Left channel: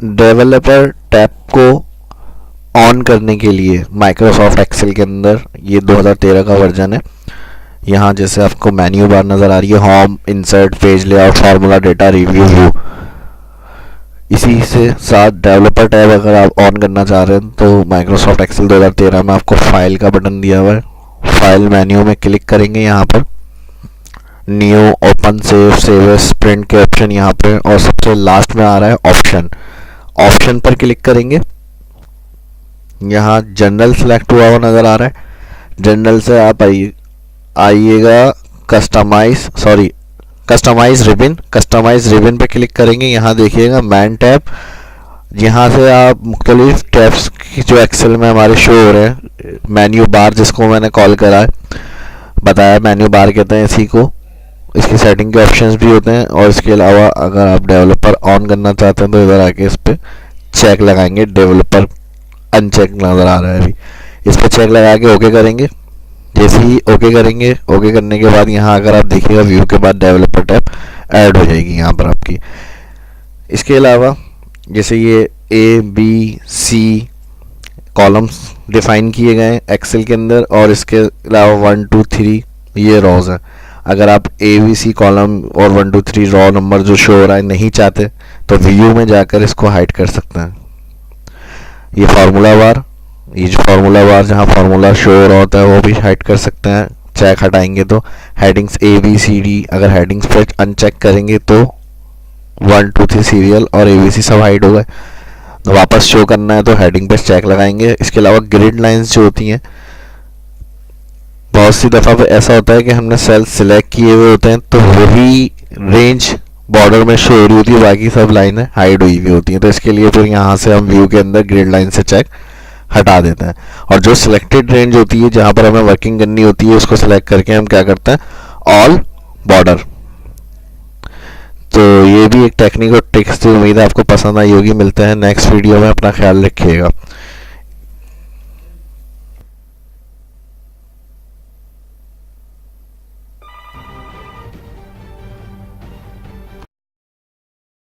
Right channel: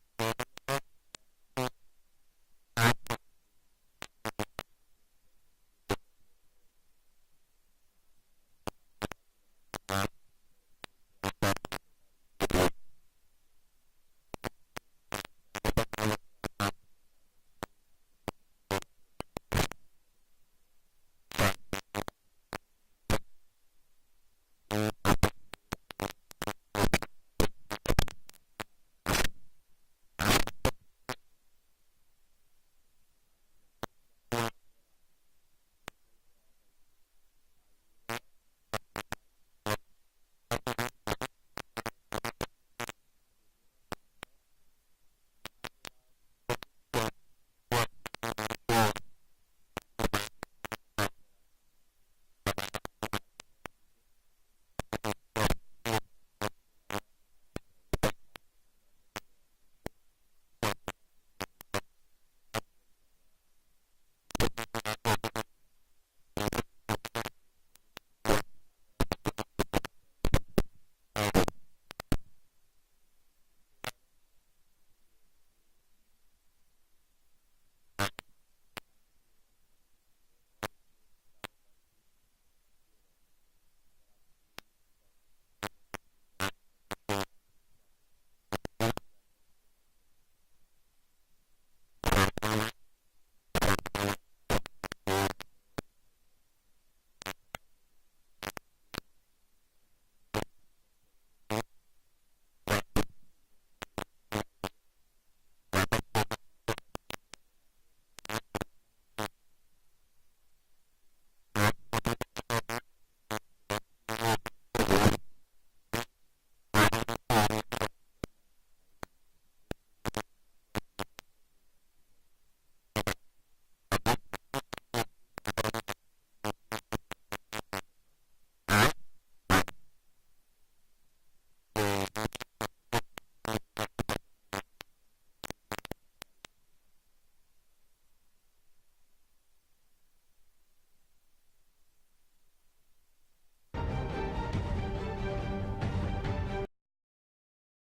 Developer tab को on करने के लिए माइक्रोसॉफ्ट एक्सेल के अंदर, ये 2013 का वर्जन है, यहाँ जैसे आपको मेन्यू बार नज़र आ रही है, home, insert, page layout, formula, data, review, view, इसी से साथ डेवलपर टैब अगर आप ऑन करना चाह रहे हैं तो माइक्रोसॉफ्ट एक्सेल 2013 में आपको फाइल का बटन दिया हुआ है, फाइल मेन्यू में क्लिक करेंगे, यहाँ पर new, open, save, save as, print के ऑप्शन यहाँ पे, और सबसे लास्ट में आ रहा है ऑप्शन, ऑप्शन पर क्लिक करेंगे। यहाँ जनरल सेलेक्ट हुआ हुआ नज़र आ रहा है, जनरल से आप आइएगा कस्टमाइज रिबन, कस्टमाइज रिबन पे क्लिक करेंगे। यहाँ देखिएगा मैन टैब, यहाँ से आप मुख्तलिफ टैब्स की जो एक्सेल में हमारे शो हो रहे हैं, मेन्यू बार जिसको मैंने कॉल करा है, बताया मेन्यू बार कहते हैं इसी को, इसकी सेटिंग के ऑप्शंस भी होते हैं। और इसके अलावा अगर आप डेवलपर ऑन करना चाहते हैं तो इधर आके इस पर चेक लगाएंगे, डेवलपर अनचेक नज़र आ रहा है अभी, इस पर चेक लगा के ओके करेंगे। जैसे ही ओके करेंगे, ओके करने के बाद यहाँ अगर आप देखिएगा व्यू के बाद डेवलपर टैब ऐड हो जाएगी यहाँ पर आपकी। इसके अलावा जैसे ये A B C columns define किए गए हैं एक्सेल के अंदर, और इसके अलावा 1 2 3 ये रॉज हैं। अगर आप ए बी सी कॉलम और 1 2 3 रॉ नंबर जो शो हो रहा है नहीं चाहते तो व्यू में जाकर इसको हाइड कर सकते हैं। ये फार्मूला बार, ये जो फार्मूला बार जहाँ फार्मूला शो हो रहा होता है वो भी हाइड कर सकते हैं, चेक हटाएंगे तो। Headings A B C D, अगर हेडिंग्स पर अनचेक करेंगे तो 1 2 3 सीरियल और ए बी सी सब हाइड हो गए। तो वापस शो करना है तो हेडिंग पर चेक लगाएंगे। इसके अलावा ग्रिड लाइंस जो होती हैं, बहुत सी दफ़ा पे ऐसा होता है कि हमने सेल सिलेक्ट किए हुए होते हैं तो वही रेंज बॉर्डर में शो हो रही होती है, बाकी सब लाइनें हाइड हुई हुई होती हैं। तो इसके लिए फिर यहाँ से हम व्यू के अंदर ग्रिड लाइन से चेक हटा देते हैं, और जो सिलेक्टेड रेंज होती है जहाँ पर हमें वर्किंग करनी होती है उसको सिलेक्ट करके हम क्या करते हैं, ऑल बॉर्डर। तो ये भी एक टेक्निक और ट्रिक्स थी, उम्मीद है आपको पसंद आई होगी। मिलते हैं नेक्स्ट वीडियो में, अपना ख्याल रखिएगा।